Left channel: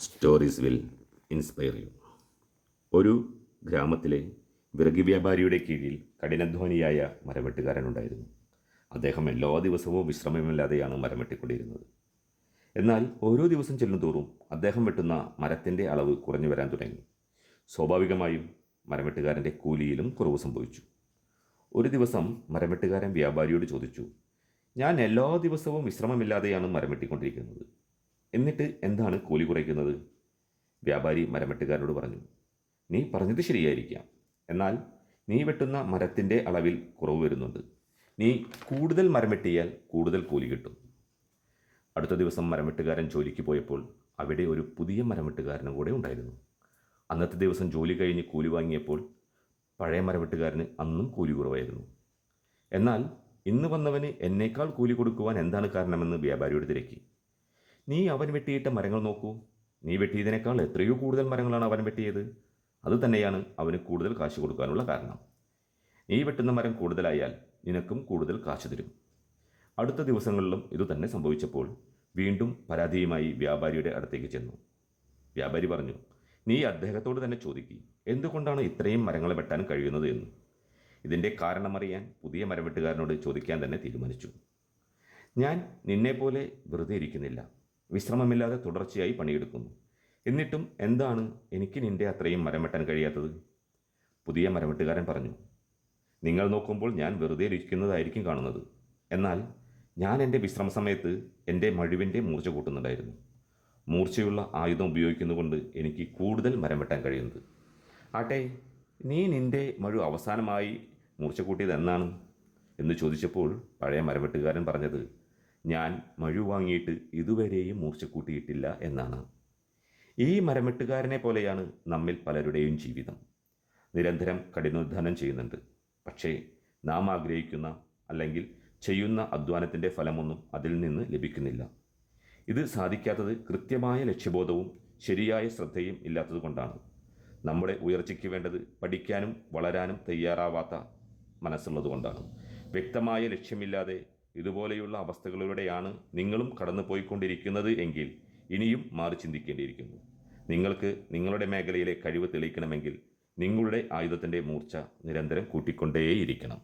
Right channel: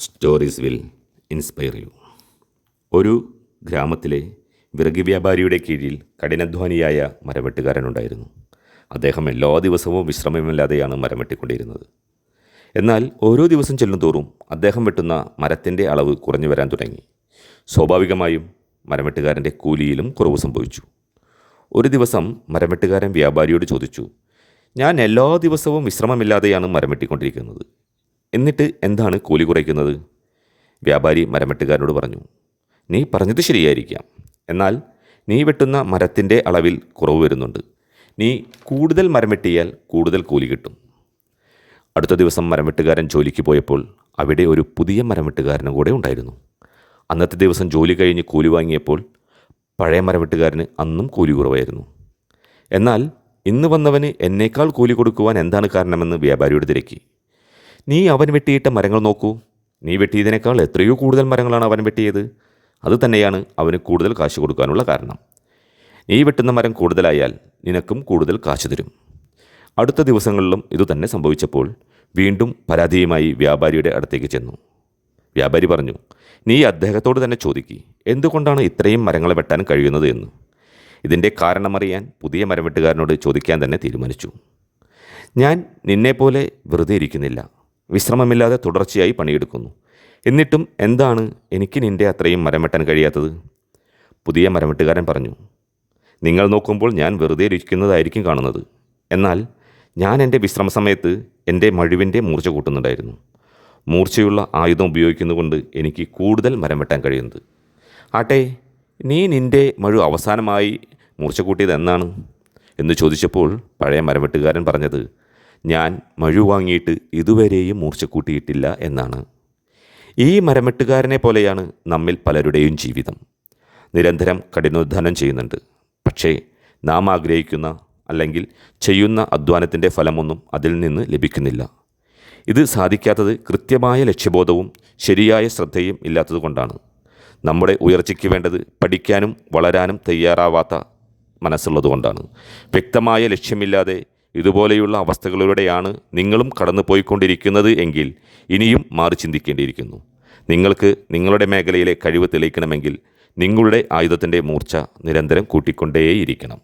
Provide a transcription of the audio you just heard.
Stories will inspire you ഒരു ഗ്രാമത്തിലെ വിറക് വ്യാപാരിയുടെ കീഴിൽ കഠിനാധ്വാനിയായ മരവെട്ടുകാരനുണ്ടായിരുന്നു. അദ്ദേഹം എല്ലാ ദിവസവും വിശ്രമമില്ലാതെയാണ് മരം വെട്ടിക്കൊണ്ടിരുന്നത് എന്നാൽ ഓരോ ദിവസം ചെല്ലുന്തോറും അദ്ദേഹം വെട്ടുന്ന മരത്തിന്റെ അളവ് കുറഞ്ഞു വരാൻ തുടങ്ങി. സ്വാഭാവികമായും മരമെട്ടുകാരന്റെ കൂലിയിലും കുറവ് സംഭവിച്ചു. ഒരു ദിവസം മരമെട്ടുകാരൻ വ്യാപാരിയോട് ചോദിച്ചു ഞാൻ എല്ലാ ദിവസവും വിശ്രമമില്ലാതെയാണ് മരം വെട്ടിക്കൊണ്ടിരിക്കുന്നത് എന്നിട്ട് എന്താണ് കൂലി കുറയ്ക്കുന്നത്? വ്യാപാരി മരമെട്ടുകാരനോട് പറഞ്ഞു നീ പറഞ്ഞത് ശരിയായിരിക്കാം. എന്നാൽ നീ വെട്ടുന്ന മരത്തിന്റെ അളവിൽ കുറവ് വരുന്നുണ്ട്. നീ കൂടുതൽ മരം വെട്ടിയാൽ കൂടുതൽ കൂലി കിട്ടും. അടുത്ത ദിവസം മരംവെട്ടുകാരൻ ജോലിക്ക് പോയപ്പോൾ അവിടെ ഒരു പുതിയ മരംവെട്ടുകാരനും കൂടെ ഉണ്ടായിരുന്നു. അന്നത്തെ ദിവസം ജോലി കഴിഞ്ഞ് കൂലി വാങ്ങിയപ്പോൾ പഴയ മരംവെട്ടുകാരന് അന്നും കൂലി കുറവായിരുന്നു. എന്നാൽ ഇന്ന് വന്നവന് എന്നേക്കാൾ കൂലി കൊടുക്കുവാൻ എന്താണ് കാരണമെന്ന് വ്യാപാരിയോട് തിരക്കി. നീ അവൻ വെട്ടിയിട്ട മരങ്ങൾ നോക്കൂ. നീ വെട്ടിയതിനേക്കാൾ എത്രയോ കൂടുതൽ മരങ്ങളാണ് അവൻ വെട്ടിയത്. അത് തന്നെയാണ് അവന് കൂടുതൽ കാശ് കൊടുക്കാനുള്ള കാരണം. നീ വെട്ടുന്ന മരം കൂടുതലായാൽ നിനക്കും കൂടുതൽ കാശ് തരും. അടുത്ത ദിവസങ്ങളിലും ഇതുതന്നെ സംഭവിച്ചപ്പോൾ വീണ്ടും പരാതിയുമായി വ്യാപാരിയുടെ അടുത്തേക്ക് ചെന്നു. വ്യാപാരി പറഞ്ഞു നീ അദ്ദേഹത്തോട് തന്നെ ചോദിക്കി എന്തുകൊണ്ടാണ് ഇത്രയും മരങ്ങളെ വെട്ടാൻ കഴിയുന്നത് എന്ന്? ഇതിന്റെ കാരണമറിയാൻ പുതിയ മരം വെട്ടുകാരനോട് ചോദിക്കാൻ തന്നെ തീരുമാനിച്ചു. ഞാൻ നിന്നെപ്പോലെ വെറുതെ ഇരിക്കുന്നില്ല. വിശ്രമമില്ലാതെ തുടർച്ചയായി പണിയെടുക്കുന്നു. എന്നിട്ടും എന്താണ് എനിക്ക് നിന്റെ അത്രയും മരം വെട്ടാൻ കഴിയാത്തത്? പുതിയ മരമെട്ടുകാരൻ പറഞ്ഞു നിങ്ങൾ നോക്കുമ്പോൾ ഞാൻ വെറുതെ ഇരിക്കുന്നതായിരിക്കും കാണുന്നത്. എന്നാൽ ഞാൻ എന്റെ വിശ്രമ സമയത്ത് എന്റെ മഴുവിന്റെ മൂർച്ച കൂട്ടുന്നുണ്ടായിരുന്നു. മൂർച്ചയുള്ള ആയുധം ഉപയോഗിക്കുന്നതുകൊണ്ട് എനിക്ക് കൂടുതൽ മരം വെട്ടാൻ കഴിയുന്നത്. ആട്ടെ നീ നിന്റെ മഴു അവസാനമായി മൂർച്ച കൂട്ടിയത് എന്നാണ്? എന്ന് ചോദിച്ചപ്പോൾ പഴയ മരവെട്ടുകാരൻ പറഞ്ഞത് ഞാൻ മഴു വാങ്ങിയിട്ട് ഇതുവരെയും മൂർച്ച കൂട്ടിയിട്ടില്ല എന്നാണ്. ഈ മരമെട്ടുകാരനെ പോലെയാണ് നമ്മിൽ പലരുടെയും ജീവിതം. നിരന്തരം കഠിനോദ്ധാനം ചെയ്യുന്നുണ്ട്. പക്ഷേ നാം ആഗ്രഹിക്കുന്ന അല്ലെങ്കിൽ ചെയ്യുന്ന അധ്വാനത്തിന്റെ ഫലമൊന്നും അതിൽ നിന്ന് ലഭിക്കുന്നില്ല. ഇത് സാധിക്കാത്തത് കൃത്യമായ ലക്ഷ്യബോധവും ശരിയായ ശ്രദ്ധയും ഇല്ലാത്തതുകൊണ്ടാണ്. നമ്മുടെ ഉയർച്ചയ്ക്ക് വേണ്ടത് പഠിക്കാനും വളരാനും തയ്യാറാവാത്ത മനസ്സുള്ളതുകൊണ്ടാണ്. വ്യക്തമായ ലക്ഷ്യമില്ലാതെ ഇതുപോലെയുള്ള അവസ്ഥകളിലൂടെയാണ് നിങ്ങളും കടന്നു പോയിക്കൊണ്ടിരിക്കുന്നത് എങ്കിൽ ഇനിയും മാറി ചിന്തിക്കേണ്ടിയിരിക്കുന്നു. നിങ്ങൾക്ക് നിങ്ങളുടെ മേഖലയിലെ കഴിവ് തെളിയിക്കണമെങ്കിൽ നിങ്ങളുടെ ആയുധത്തിന്റെ മൂർച്ച നിരന്തരം കൂട്ടിക്കൊണ്ടേയിരിക്കണം.